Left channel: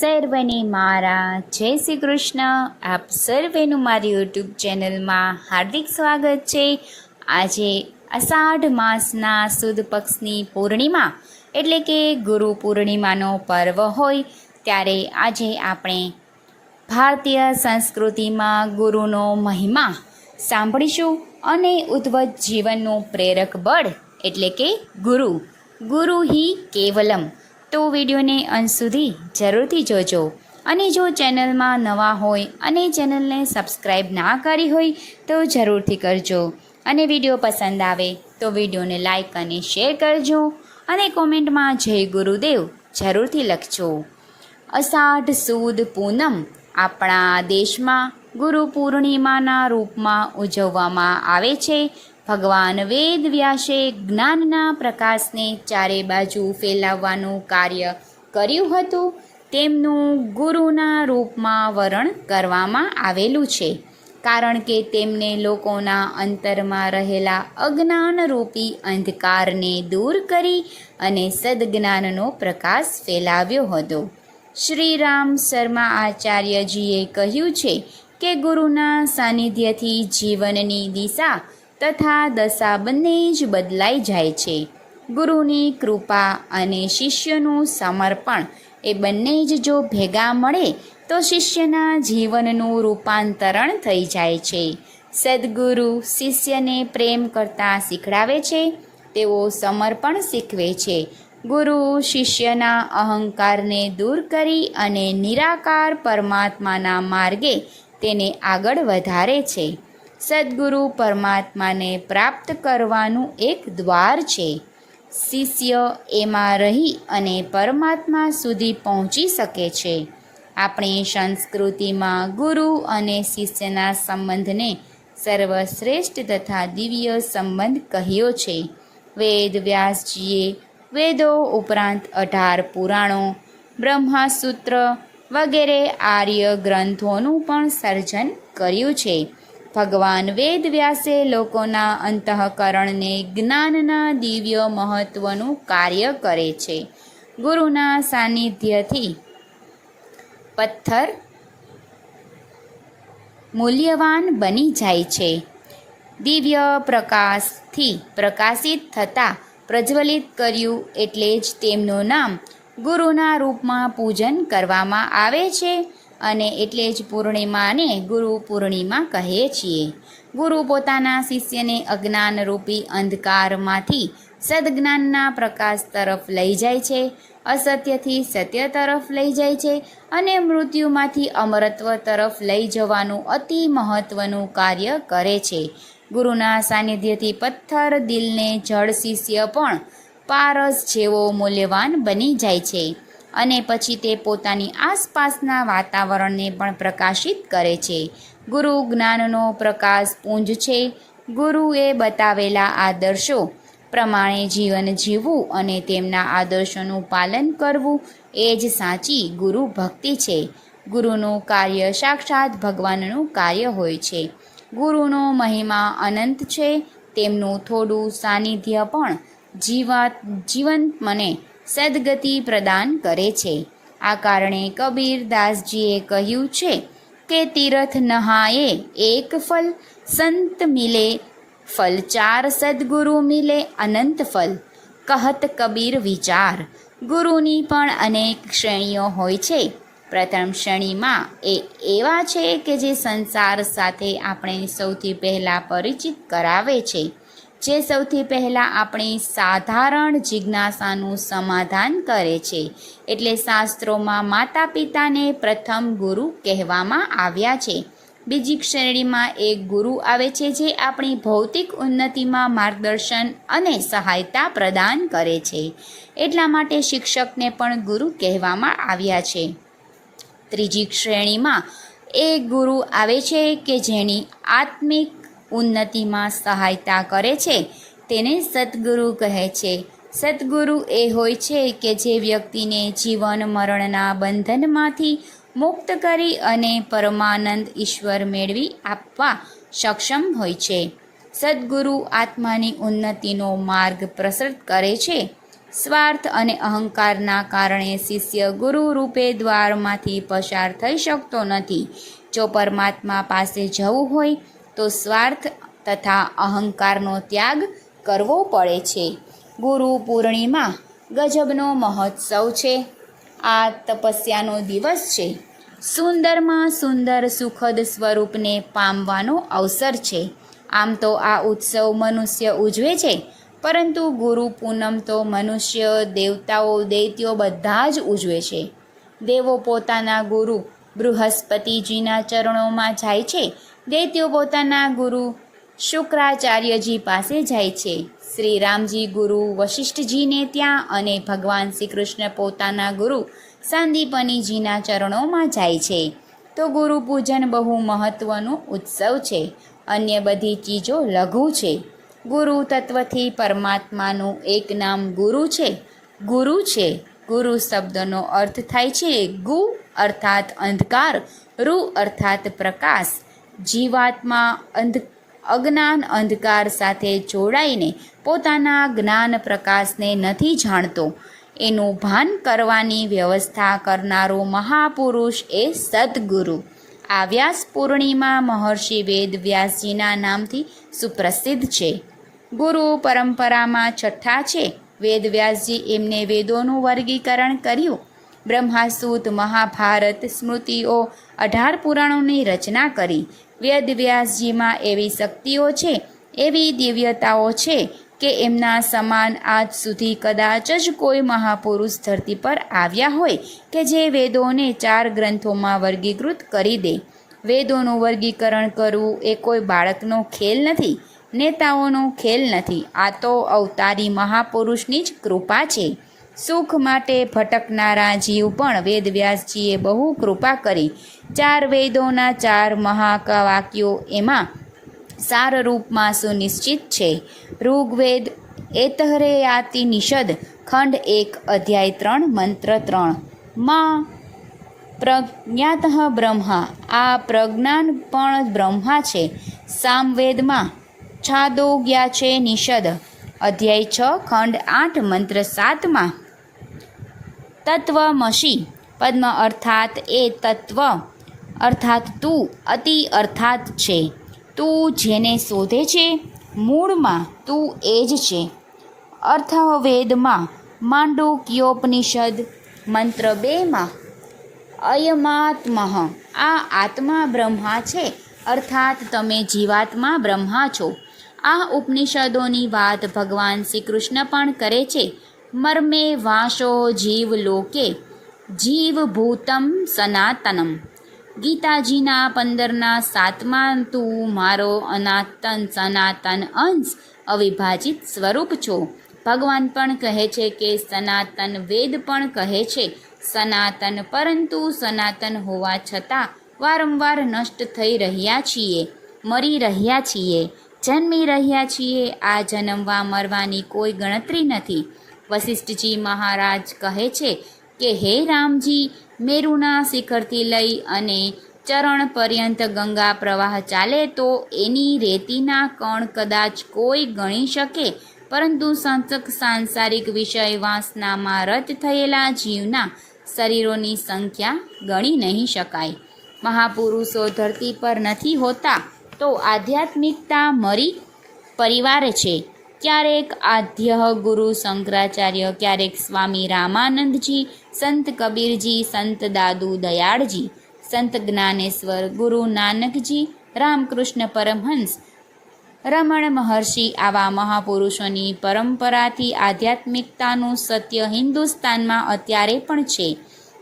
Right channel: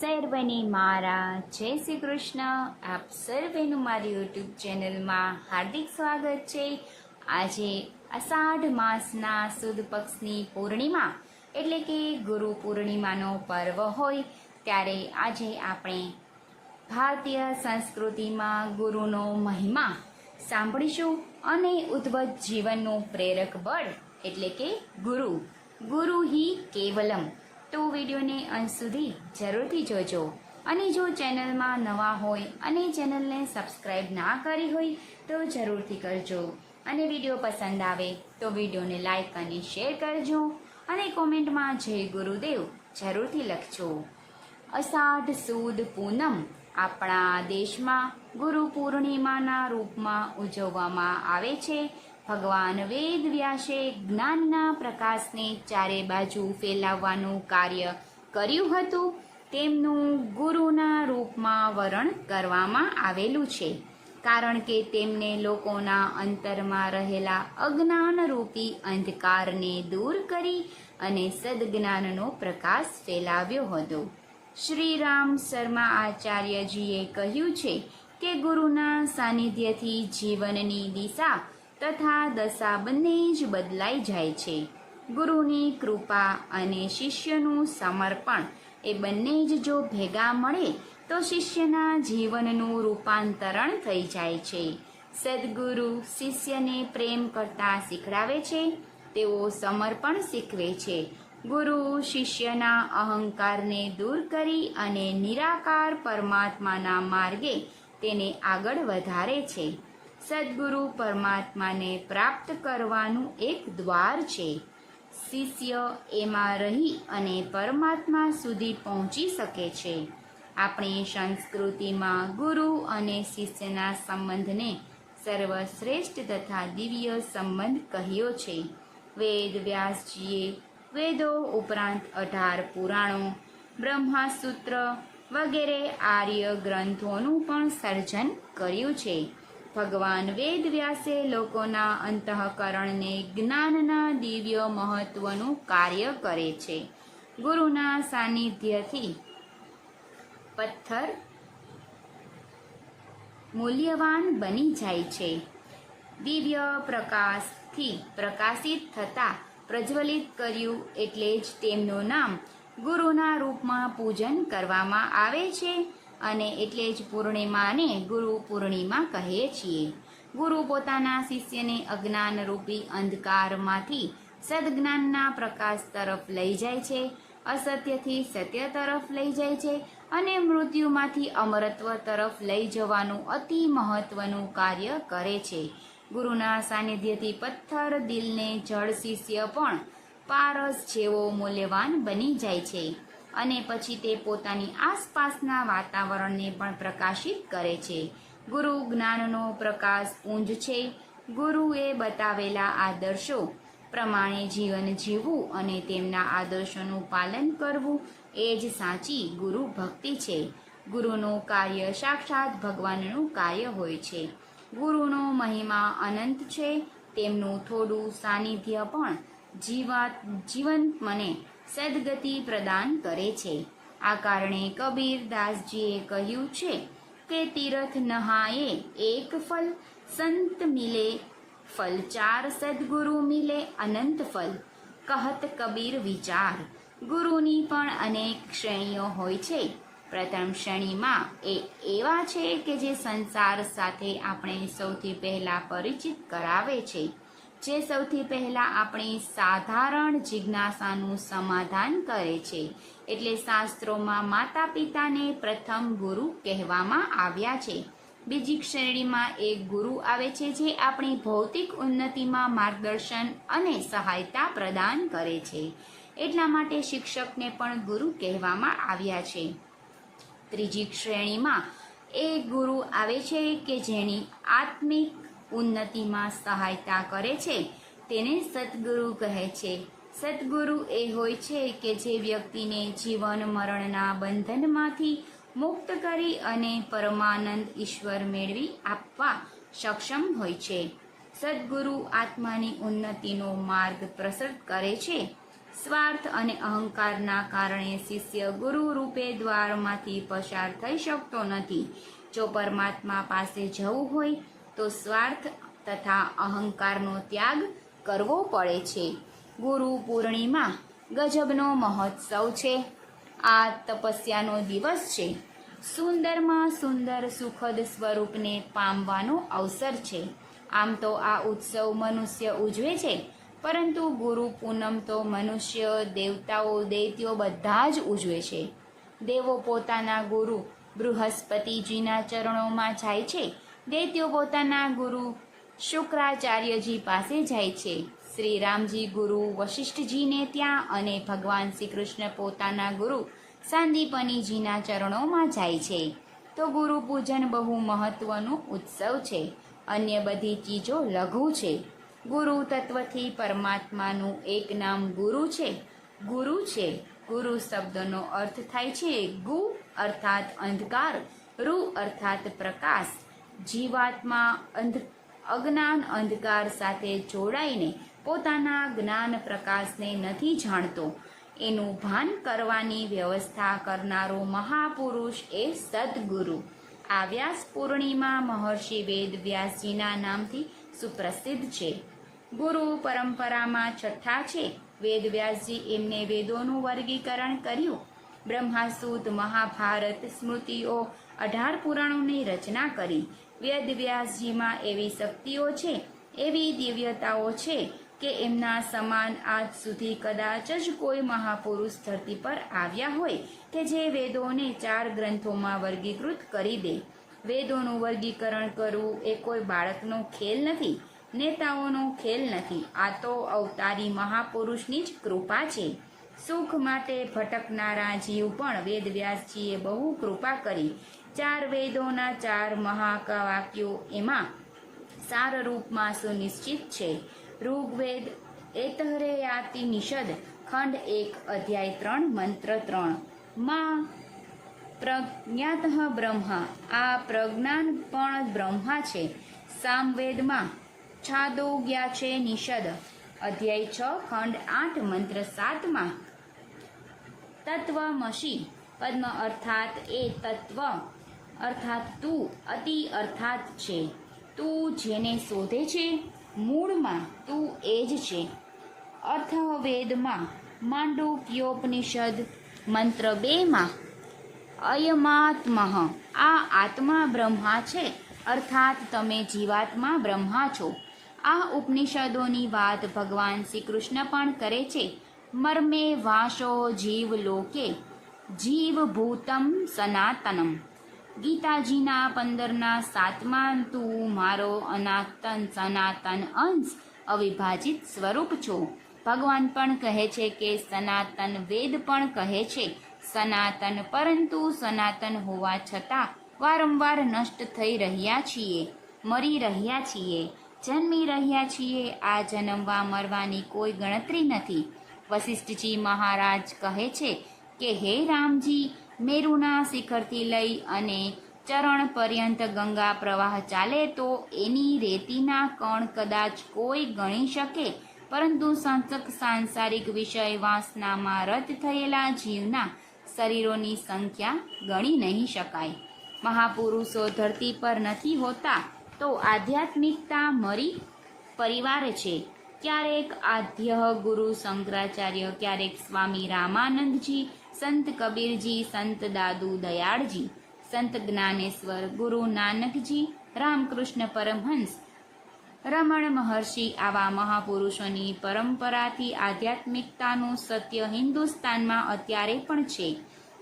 સર્વને મારા. જય શ્રી કૃષ્ણ. આપ સર્વેનું મારી યુટ્યુબ ચેનલમાં હાર્દિક સ્વાગત છે. આજે અષાઢ માસના સુદ પક્ષની પૂર્ણિમા, એટલે કે ગુરુ પૂર્ણિમાનો પર્વ હોય, ત્યારે આજે આપણે ભારતીય સંસ્કૃતિમાં ગુરુનો મહિમા સાંભળીશું અને ઉદ્વત જીવનનું પ્રેરક બળ, એટલે કે ગુરુ. ગુરુ હિ કેવલમ. તો વિડીયોને અંત સુધી જરૂરથી જોજો. અને જો ચેનલમાં નવા હોય અને ચેનલને સબસ્ક્રાઈબ ના કરી હોય તો જરૂરથી કરજો. અને વીડિયો પસંદ આવે તો વિડીયોને લાઈક અને શેર કરજો અને કોમેન્ટમાં જય ગુરુદેવ જરૂરથી લખજો. અષાઢ સુદ પૂનમ આપણા દેશમાં ગુરુ પૂર્ણિમાના રૂપમાં ઉજવવામાં આવે છે. ભગવાન વેદ વ્યાસે જ્ઞાનના પ્રકાશને ચારે બાજુ ફેલાવવાનું કાર્ય કર્યું હતું. તેમનું ગુરુના રૂપમાં વરણ કરવામાં આવેલું છે. કારણ કે તેમને લોકોના અંતરમાં રહેલા અજ્ઞાનરૂપી અંધકારને દૂર કરી અને સદજ્ઞાનનો પ્રકાશ ફેલાવ્યો હતો. શ્રી રામ શર્મા આચાર્યજીએ કહ્યું છે કે ગુરુના સાનિધ્યથી જીવનની દિશા તથા દશા બંને જ બદલાઈ જાય છે. ગુરુની કૃપા અને શિષ્યનું સમર્પણ એ બંને જ જો ભેગા મળે, તો શિષ્યના જીવનનું રૂપાંતરણ થઈ જાય છે. સદગુરુ શિષ્યને પ્રેમ કરતાં શીખડાવે છે, તેઓ સમર્પણ શીખવે છે. ગુરુ શિષ્યના અહંકારને દૂર કરી અને નિરાકાર પરમાત્માના માર્ગે તેને આગળ વધારે છે. સદગુરુ પરમાત્માને પ્રાપ્ત કરવાનું એક દ્વાર છે. શિષ્ય એમાં રહી અને પરમાત્મા સુધી પહોંચી શકે છે. આપણી સંસ્કૃતિમાં ગુરુ અને શિષ્યના સંબંધને સર્વશ્રેષ્ઠ તથા દિવ્ય સંબંધ કહ્યો છે. વેદ વ્યાસજીએ વેદો ઉપરાંત અઢાર પુરાણો, બ્રહ્માસૂત્ર વગેરે આર્ય ગ્રંથોનું પણ સર્જન કર્યું છે. ભગવાન વેદ વ્યાસે લોકોના અંતઃકરણને જ્ઞાનના દિવ્ય મહત્વનું કાર્ય કરે છે. ગુરુના સાનિધ્યથી પથ્થર મૂલ્યવાન બની જાય છે. દિવ્ય પ્રકાશથી પ્રકાશિત થતાં પ્રજ્વલિત કર્યું એટલે જ તેમનું નામ ગુરુના રૂપમાં પૂજન કરવામાં આવે છે. અને એટલે જ પૂર્ણિમાને ગુરુ પૂર્ણિમા કહે છીએ. ગુરુ પોતાના શિષ્યને અજ્ઞાનરૂપી અંધકારમાંથી સદજ્ઞાનના પ્રકાશ તરફ લઈ જાય છે, અસત્યથી સત્ય તરફ લઈ જાય છે અને મૃત્યુમાંથી અમરત્વ તરફ લઈ જવાનું અતિ મહત્ત્વનું કાર્ય કરે છે. ગુરુના સાનિધ્યથી પથ્થર દિલને જળ શિષ્ય પણ પારસ જેવો મૂલ્યવાન બની જાય છે. અને પછી તે પોતાની આસપાસના વાતાવરણને પણ પ્રકાશિત કરે છે. ગુરુ જ્ઞાનનો પ્રકાશ પુંજ છે. ગુરુએ બતાવેલા આદર્શો પ્રમાણે જીવન જીવવું અને તેમના આદર્શોનું પાલન કરવું એ જ સાચી ગુરુ ભક્તિ છે. ગુરુનું કાર્ય સાક્ષાત ભગવાનનું કાર્ય હોય છે. ગુરુનો મહિમા અનંત છે. તેમનું થોડું સાનિધ્ય પણ જીવાત, જીવંત મને સદગતિ પ્રદાન કરે છે. આ કારણે કબીરદાસજીએ કહ્યું છે કે તીર્થ નહાએ એક ફલ, સંત મિલે ફલ, ચાર સદગુરુ મિલે અનંત ફલ. કહત કબીર વિચાર, ગુરુની પણ અનેક શ્રેણીઓ હોય છે. પ્રથમ શ્રેણીમાં એ એવા છે કે જે સંસાર સાથે આપણે સૌથી પહેલાં પરિચિત કરાવે છે. જે સૌથી પહેલાં આપણી સાધારણ જિજ્ઞાસાનું સમાધાન કરે છે. એટલે શાસ્ત્રોમાં માતા પિતાને પ્રથમ ગુરુ કહેવામાં આવ્યા છે. બીજી શ્રેણીમાં એક ગુરુ આવે છે જે આપણી ભૌતિક ઉન્નતિમાં માર્ગદર્શન અને સહાયતા પ્રદાન કરે છે. એટલા માટે શિક્ષકને પણ ગુરુ કહેવામાં આવ્યા છે. ત્રીજી શ્રેણીમાં એક ગુરુ આવે છે કે જેની આત્મિક ઉન્નતિમાં સહાયતા કરે છે. તેને સદગુરુ કહે છે. સદગુરુ એ હોય છે કે જે વ્યક્તિને જીવન મરણના બંધનમાંથી મુક્ત કરી અને પરમાનંદ ઈશ્વર મેળવી આપવા સક્ષમ હોય છે. સદગુરુ આત્માની ઉન્નતિનો માર્ગ પ્રસરિત કરે છે. સ્વાર્થ અને અહંકારના કારણે શિષ્ય ગુરુ રૂપે દ્વારમાંથી પસાર થઈ શકતો નથી. જો પરમાત્મા પાસે જવું હોય તો સ્વાર્થ તથા અહંકારનો ત્યાગ કરવો પડે છે. ગુરુ પૂર્ણિમા ગજબનો મહોત્સવ છે. આ તપસ્યાનો દિવસ છે. સુંદરમાં સુંદર સુખદ સ્વરૂપને પામવાનો અવસર છે. આમ તો આ ઉત્સવ મનુષ્ય ઉજવે છે, પરંતુ ગુરુ પૂનમ તો મનુષ્ય દેવતાઓ દૈત્યો બધા જ ઉજવે છે. દેવો પોતાના ગુરુ બૃહસ્પતિજીના ચરણોમાં જાય છે દૈત્યો પોતાના ગુરુ શુક્રાચાર્યજી પાસે જાય છે. શ્રી રામજી ગુરુ વશિષ્ઠજીને ત્યાં અને ભગવાન શ્રી કૃષ્ણ પોતાના ગુરુ સાંદીપનીજીના ચરણોમાં જાય છે. તો ગુરુ પૂજન બહુ મહત્ત્વનો ઉત્સવ છે. અન્ય બધી ચીજો લઘુ છે. ગુરુ તત્વથી પરમાત્માનું એક નામ ગુરુ છે. ગુરુ છે. ગુરુ શબ્દનો અર્થ થાય છે ગુ અર્થાત અંધકાર રુ અર્થાત પ્રકાશ જીવાત્મા અંધ, અજ્ઞાન અંધકાર સાથે જોડાઈને પોતાના જ્ઞાન પ્રકાશને નથી જાણતો. એનું ભાન કરવાની વ્યવસ્થા કરનારો મહાપુરુષ એ સદગુરુ. આ વ્યાસ પૂર્ણિમા મહર્ષિ વેદ વ્યાસજીના નામથી સુપ્રસિદ્ધ છે. ગુરુ પરંપરામાં છઠ્ઠા છે. વેદ વ્યાસજી એમને વેદોનું વર્ગીકરણ કર્યું. બ્રહ્માસૂત, મહાભારત સ્મૃતિઓ અઢાર પુરાણોની રચના કરી. વેદ વ્યાસજીમાં એવી શક્તિઓ છે, એવી દિવ્યતાઓ છે કે એમના સમાન આજ સુધી કદાચ જ કોઈ મહાપુરુષ ધરતી પર આવ્યા હોય કે જે વેદોને ચાર ગ્રંથોમાં વર્ગીકૃત કરી દે. વેદોનું વર્ગીકરણ કરવું એ કોઈ બાળકનો ખેલ નથી, નેતાઓનો ખેલ નથી. આ તો અવતારી મહાપુરુષની જ કૃપા છે. સુખ માટે ભટકનારા જીવ પણ વેદવ્યાસજીએ બહુ કૃપા કરી. ચાર વેદોના ચાર મહાકાવાક્યો એમાં સાર રૂપમાં સુનિશ્ચિત છે. ઋગ્વેદ એતહરેયાતિ નિષદ, ખંડ એક, અધ્યાય ત્રણ, મંત્ર ત્રણ. માં, પ્રજ્ઞાત બ્રહ્મા. આ પ્રજ્ઞાન પણ બ્રહ્મા છે. સામવેદમાં છાદોગ્યા છે નિષદ. અધ્યાય છ, ખંડ આઠ, મંત્ર સાતમાં તત્વમસી પદ્મ અર્થાત એ તત્વ. અર્થાત તું, અતિ અર્થાત છે. તું જેને શોધે છે, મૂળમાં તું એ જ છે. અર્થવેદમાં માંડુક્યોપનિષદ મંત્ર બેમાં, અયમાત્મહ, આ આત્મા બ્રહ્મા છે. અર્થાત તમે જીવાત્મા બ્રહ્મા છો. આ ઉપનિષદોની વાત ભગવાન શ્રી કૃષ્ણ પણ કરે છે. મર્મે વાશો જીવ લોકે જીવભૂતમ સનાતનમ ગીતાજીના પંદરના સાતમાં તું મારો અનાતન સનાતન અંશ અવિભાજિત સ્વરૂપ છો ભગવાન પણ કહે છે કે સનાતન વેદ પણ કહે છે સનાતન પરંતુ સનાતન હોવા છતાં વારંવાર નષ્ટ થઈ રહ્યા છીએ મરી રહ્યા છીએ જન્મી રહ્યા છીએ આ જન્મવા મરવાની કોઈ ગણતરી નથી વશિષ્ઠજી મહારાજ કહે છે કે, હે રામજી, મેરુના શિખરથી લઈ અને ચરણ પર્યંત ગંગા પ્રવાહ ચાલે તો એની રેતીના કણ કદાચ કોઈ ગણી શકે? પરંતુ સંસક સાંસારિક વિષય વાસનામાં રત થયેલા જીવના શરીરોની સંખ્યા ગણી નહીં શકાય. મહાપુરુષો ધરતી પર નથી હોતા તો આધ્યાત્મિકતા મરી પરિવાર છે. ક્યારેક આદ્ય ગુરુ શંકરાચાર્ય, ક્યારેક સ્વામી રામાનંદજી, સંત કબીરજી, સંત દાદુ દયાળજી, સંત જ્ઞાનેશ્વર, ગુરુ નાનકજી, રામકૃષ્ણ પરમહંસ, રમણ મહર્ષિ આવા મહાપુરુષોની પરંપરાથી આધ્યાત્મિકતાનું સત્ય હિન્દુસ્તાનમાં અત્યારે પણ છે.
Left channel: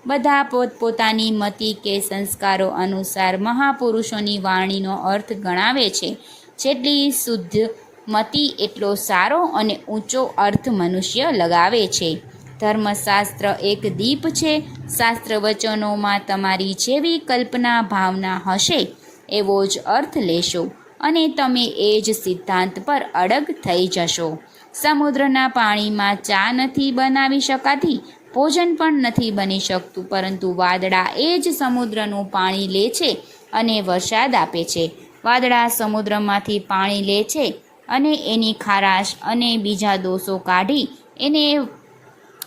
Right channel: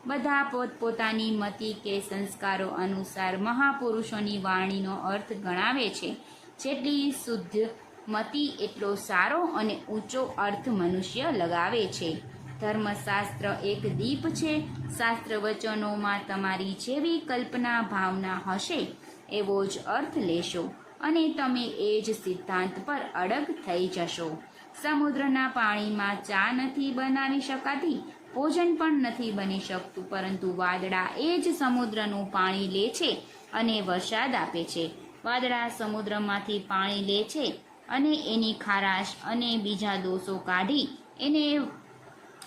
બધા પોતપોતાની મતિ કે સંસ્કારો અનુસાર મહાપુરુષોની વાણીનો અર્થ ગણાવે છે. જેટલી શુદ્ધ મતિ એટલો સારો અને ઊંચો અર્થ મનુષ્ય લગાવે છે. ધર્મશાસ્ત્ર એક દીપ છે. શાસ્ત્ર વચનોમાં તમારી જેવી કલ્પના ભાવના હશે એવો જ અર્થ લેશો અને તમે એ જ સિદ્ધાંત પર અડગ થઈ જશો. સમુદ્રના પાણીમાં ચા નથી બનાવી શકાતી, ભોજન પણ નથી બની શકતું, પરંતુ વાદળા એ જ સમુદ્રનું પાણી લે છે અને વરસાદ આપે છે. વાદળા સમુદ્રમાંથી પાણી લે છે અને એની ખારાશ અને બીજા દોષો કાઢી એને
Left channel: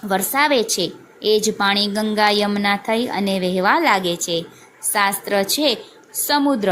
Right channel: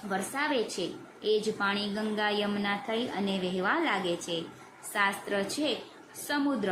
વરસાવે છે. એ જ પાણી ગંગા યમુના થઈ અને વહેવા લાગે છે. શાસ્ત્ર છે, સમુદ્ર.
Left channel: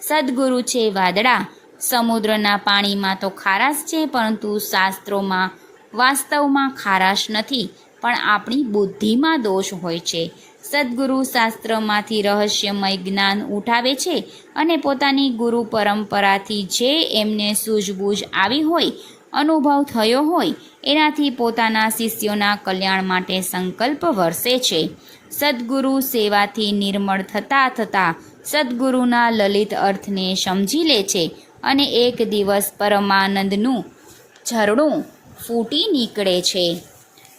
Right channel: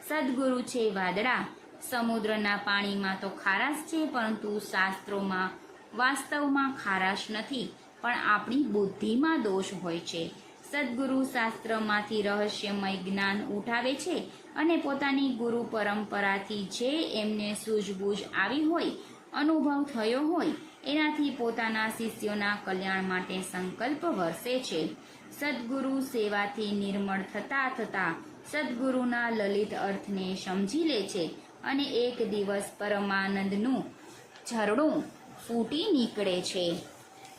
સદગુરુ છે વાદળા. સમુદ્રના પાણીમાં તો ખારાશ છે, પરંતુ શાસ્ત્રોમાં, વાસ્તવમાં ખારાશ નથી. પણ આપણી બુદ્ધિમાં દોષ હોય છે. સદગુરુ શાસ્ત્રમાંથી રહસ્યમય જ્ઞાન ઉઠાવે છે અને પોતાની ગુરુ પરંપરાથી જે એમને સૂઝબૂઝ આવી હોય, અનુભવ થયો હોય, એનાથી પોતાના શિષ્યોના કલ્યાણ માટે સંકલ્પ વરસે છે. સદગુરુ સેવાથી નિર્મળ થતાં થતાં સદગુરુના લલિત અર્થને સમજી લે છે અને એક દિવસ પરમાનંદનું ઝરણું ફૂટી નીકળે છે.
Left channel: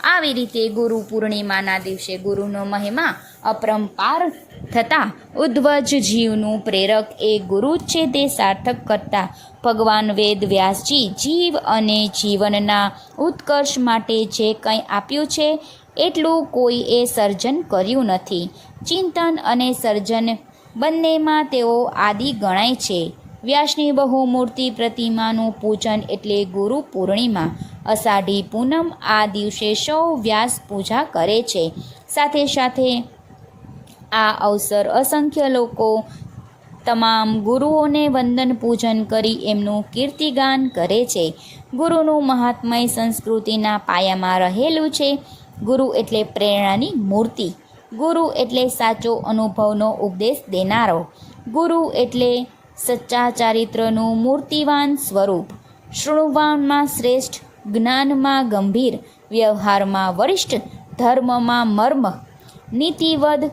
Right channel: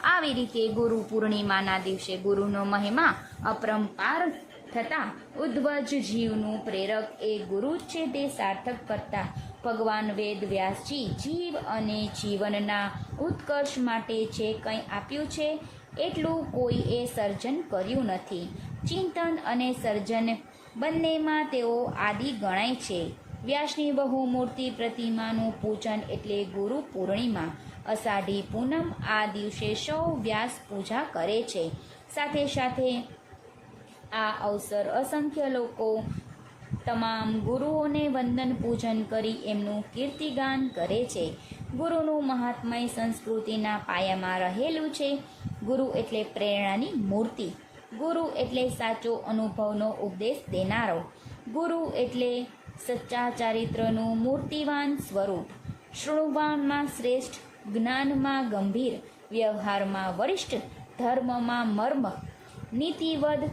આવી રીતે ગુરુ પૂર્ણિમાના દિવસે ગુરુનો મહિમા અપરંપાર થતાં ઉદ્ધવજ જીવનું પ્રેરક એ ગુરુ છે તે સાર્થક કરતા. ભગવાન વેદ વ્યાસજી જીવ અને જીવનના ઉત્કર્ષ માટે જે કંઈ આપ્યું છે, એટલું કોઈએ સર્જન કર્યું નથી. ચિંતન અને સર્જન બંનેમાં તેઓ આદિ ગણાય છે. વ્યાસની બહુમૂર્તિ પ્રતિમાનું પૂજન એટલે ગુરુ પૂર્ણિમા. અષાઢી પૂનમ આ દિવસે સૌ વ્યાસ પૂજા કરે છે. સાથે સાથે આ અવસર અસંખ્ય લોકો તમામ ગુરુઓને વંદન પૂજન કરી એમનું કીર્તિગાન કરે છે. ગુરુનું મહાત્મય સંસ્કૃતિના પાયામાં રહેલું છે. ગુરુ એટલે પ્રેરણાની મૂર્તિ. ગુરુ એટલે સાચો અનુભવનો ઉપદેશ દેનારો. ગુરુ એટલે સચ્ચા ચારિત્રનું મૂર્તિવાન સ્વરૂપ, શૃણુવાનમાં શ્રેષ્ઠ, જ્ઞાનમાં ગંભીર, વ્યવહારમાં વરિષ્ઠ, ધર્મમાં મર્મ, નીતિવદ,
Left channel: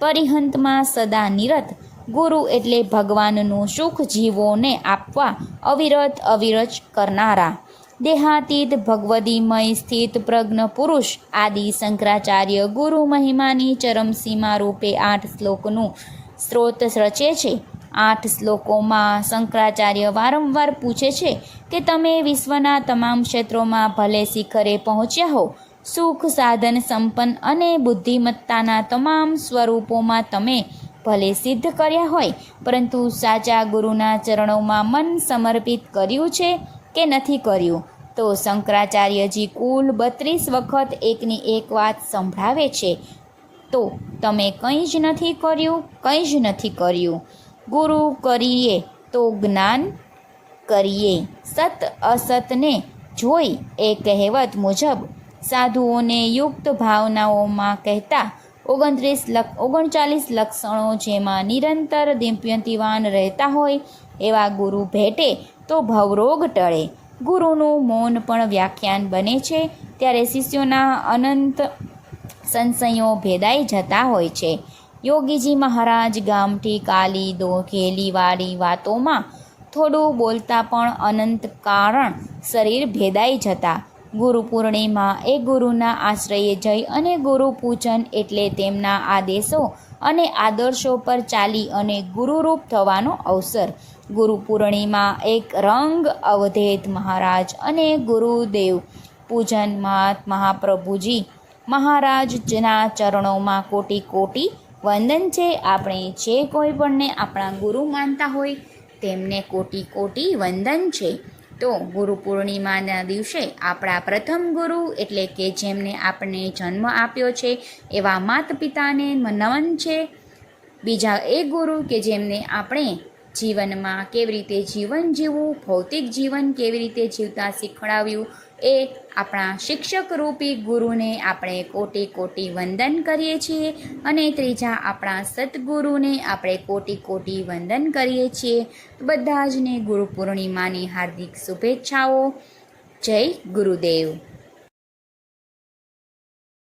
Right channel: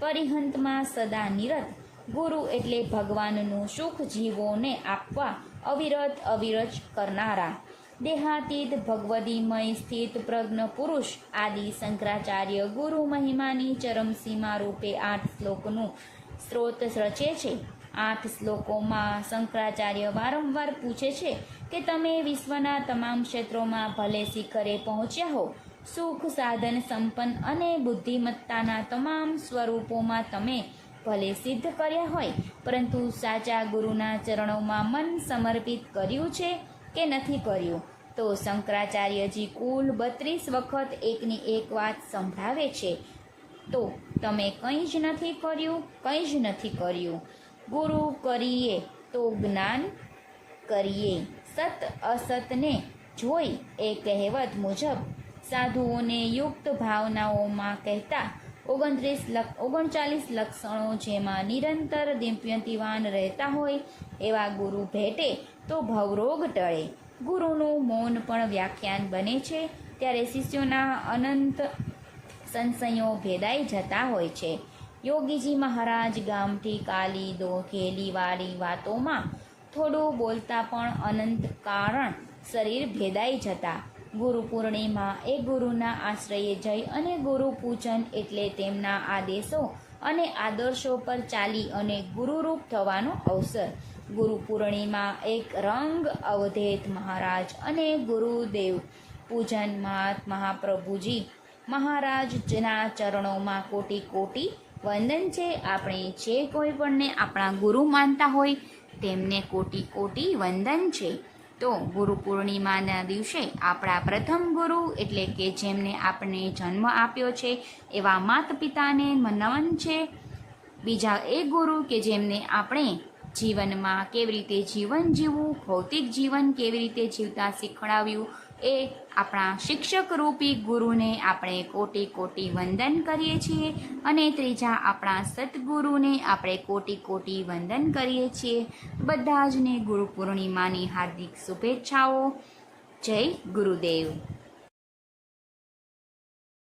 પરિહંતમાં સદા નિરત, ગુરુ એટલે ભગવાનનું સુખ જીવોને આપવા અવિરત અવિરત કરનારા, દેહાતીત, ભગવદીમય સ્થિત પ્રજ્ઞ પુરુષ, આદિ શંકરાચાર્ય ગુરુ મહિમાની ચરમસીમા રૂપે આઠ શ્લોકનું સ્ત્રોત રચે છે. આઠ શ્લોકોમાં શંકરાચાર્ય વારંવાર પૂછે છે કે તમે વિશ્વના તમામ ક્ષેત્રોમાં ભલે શિખરે પહોંચ્યા હો, સુખ, સાધન, સંપન્ન અને બુદ્ધિમત્તાના તમામ સ્વરૂપોમાં તમે ભલે સિદ્ધ કર્યા હોય, પરંતુ સાચા ગુરુના ચરણોમાં મન સમર્પિત કર્યું છે કે નથી કર્યું? તો શંકરાચાર્યજી કુલ બત્રીસ વખત એકની એક વાત સંભળાવે છે. તો તમે કંઈ જ નથી કર્યું, કંઈ જ નથી કર્યું. ગુરુ કરીએ તો જ્ઞાન કરીએ. સત અસતને જોઈ એ કહેવત મુજબ સાધુઓને યુક્ત ભાવનાઓમાં કહેતા ઓગણત્રીસ લક્ષ ઓગણચાલીસ લક્ષણો જેમાં નિરંતર દિપ્યંતિવાન રહેતા હોય એવા ગુરુ ભેટે તો ભવરોગ ટળે. ગુરુનું મૌન પણ વ્યાખ્યાન બને છે. ત્યારે શિષ્યોના અનંત સંશયો ભેદાઈ જતા હોય છે. યોગીજી મહારાજ ગામઠી, કાલી દોઘેલીવાળી વાતોમાં થોડું બોલતા પણ અનંત કારણ શરીર ભેદાઈ જતા. ગુરુ પૂર્ણિમા એ ગુરુના આશ્રયે જઈ અને ગુરુ પૂજન એટલે તેમના આદેશો અને આદર્શો પર ચાલી અને ગુરુરૂપ થવાનો અવસર. ગુરુ પૂર્ણિમા એક રંગ અવધેત મહારાજ અને ગુરુદેવ. પૂજન મહાત મહાપ્રભુજી મહારાજના ચરણોમાં કોટી કોટી વંદન છે, આપણે જે કોઈ પણને આપણા ગુરુ માનતા હોય, તેમને કોટી કોટી વંદન છે. તો ગુરુ પૂર્ણિમાના દિવસે આપણા પ્રથમ ગુરુ એટલે કે જેમને આપણે જન્મ આપ્યો છે, એવા માતા પિતાને નમન છે. બીજા એ ગુરુ કે જેમને આપણે જીવનમાં કેવી રીતે જીવન જીવવું, ભૌતિક જીવન કેવી રીતે જીવતા શીખવાડ્યું એ આપણા શિક્ષક રૂપી ગુરુને આપણે કોટી કોટી વંદન કરીએ છીએ અને ત્રીજા આપણા સદગુરુને આપણે કોટી કોટી વંદન કરીએ છીએ. બધા જને ગુરુ પૂર્ણિમાની હાર્દિક શુભેચ્છાઓ. જય ગુરુદેવ.